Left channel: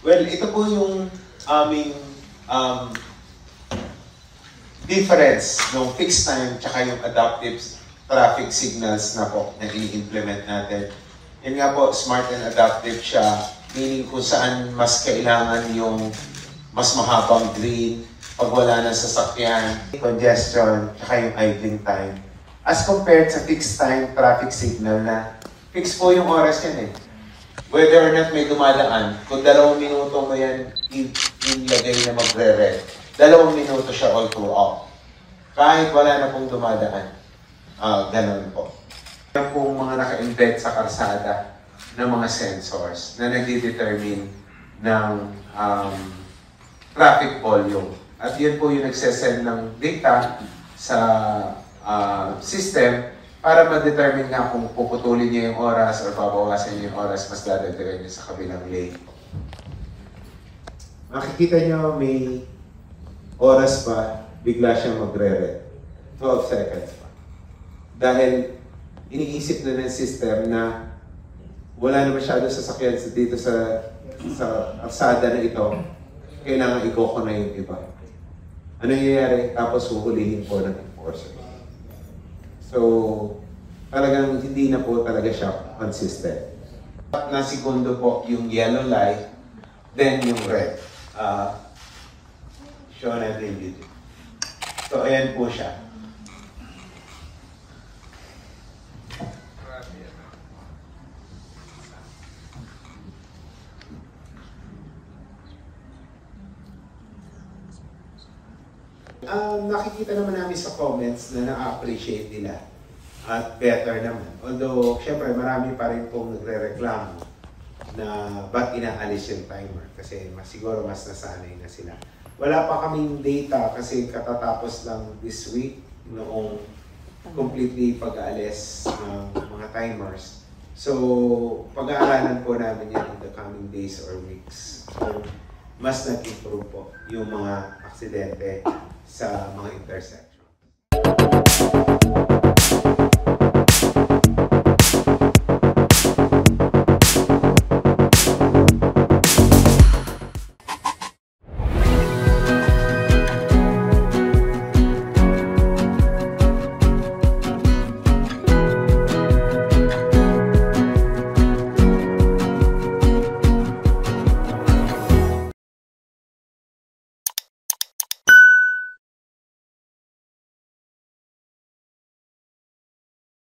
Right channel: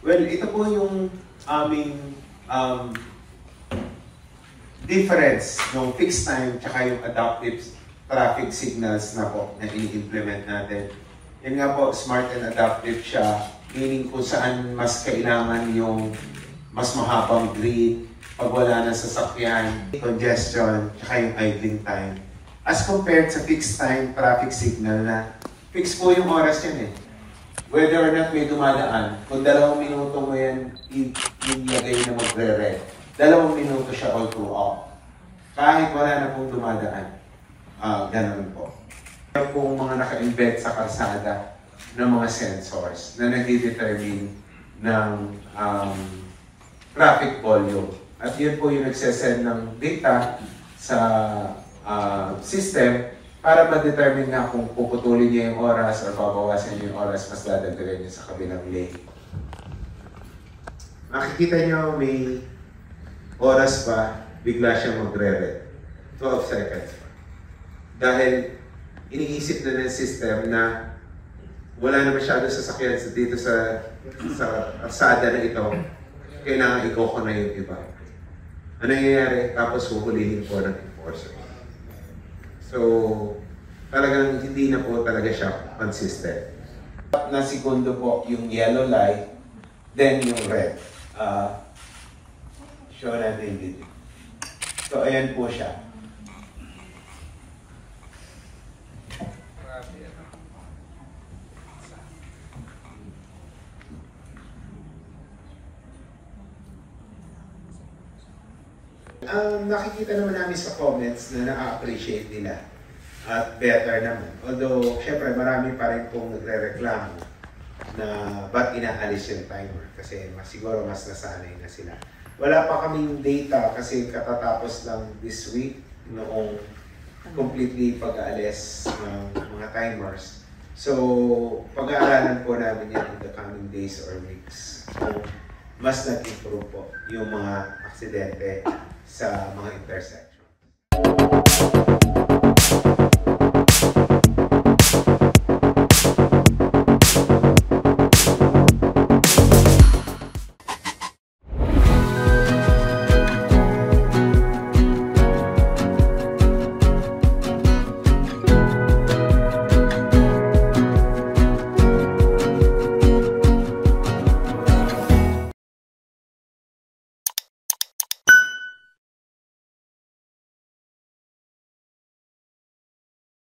Well, ito po yung aming difference ng fixed time tsaka yung adaptive traffic signals na po na i-implement natin. Yan nga po, smart and adaptive siya, meaning kung saan mas kailangan yung mas mahabang green, pag wala ng sasakyan, congestion, tsaka yung idling time. As compared sa fixed time traffic signal na fixed po yung oras yan eh. Whether or not may dumadaan, kung 2 minuto mo yan ilagay na magre-red, 2 minuto siya all throughout. Kahit wala na pong dumadaan. Ganun po. Yan pong mga naka-embed sa kalsada ng mga sensors na nag-determine ng traffic volume. At yan po yung nagsesend ng data sa system para ma-determine nga kung puputulin niya yung oras o babawasan niya yung oras, mas dadagdagan niya sa kabilang lane. Makikita niyo may oras pa, bigla siyang magre-red. 12 seconds pa. Dahil iniisip na ng system na wala na masyado sasakyan dito sa kalsada na ito, kailangan i-go na yung iba. Ano nangyayari? Tapos huhulihin po ng enforcer. So, talagang hindi na po talaga siya consistent. Na segundo po yung yellow light, then yung red. Show natin yung video. So, ayan po siya. Nakikita naman namin sa comments na na-appreciate nila at better naman. Although, syempre, marami pa rin pong nagre-reklamo na ba't inaalis yung timer kasi siguro mas nasanay na sila. Wala pa kaming data kasi katatapos lang this week noong completely pag-aalis ng mga timers. So, pag-aaralan po namin yan in the coming days or weeks. So, mas nag-improve po yung mga aksidente sa mga intersection.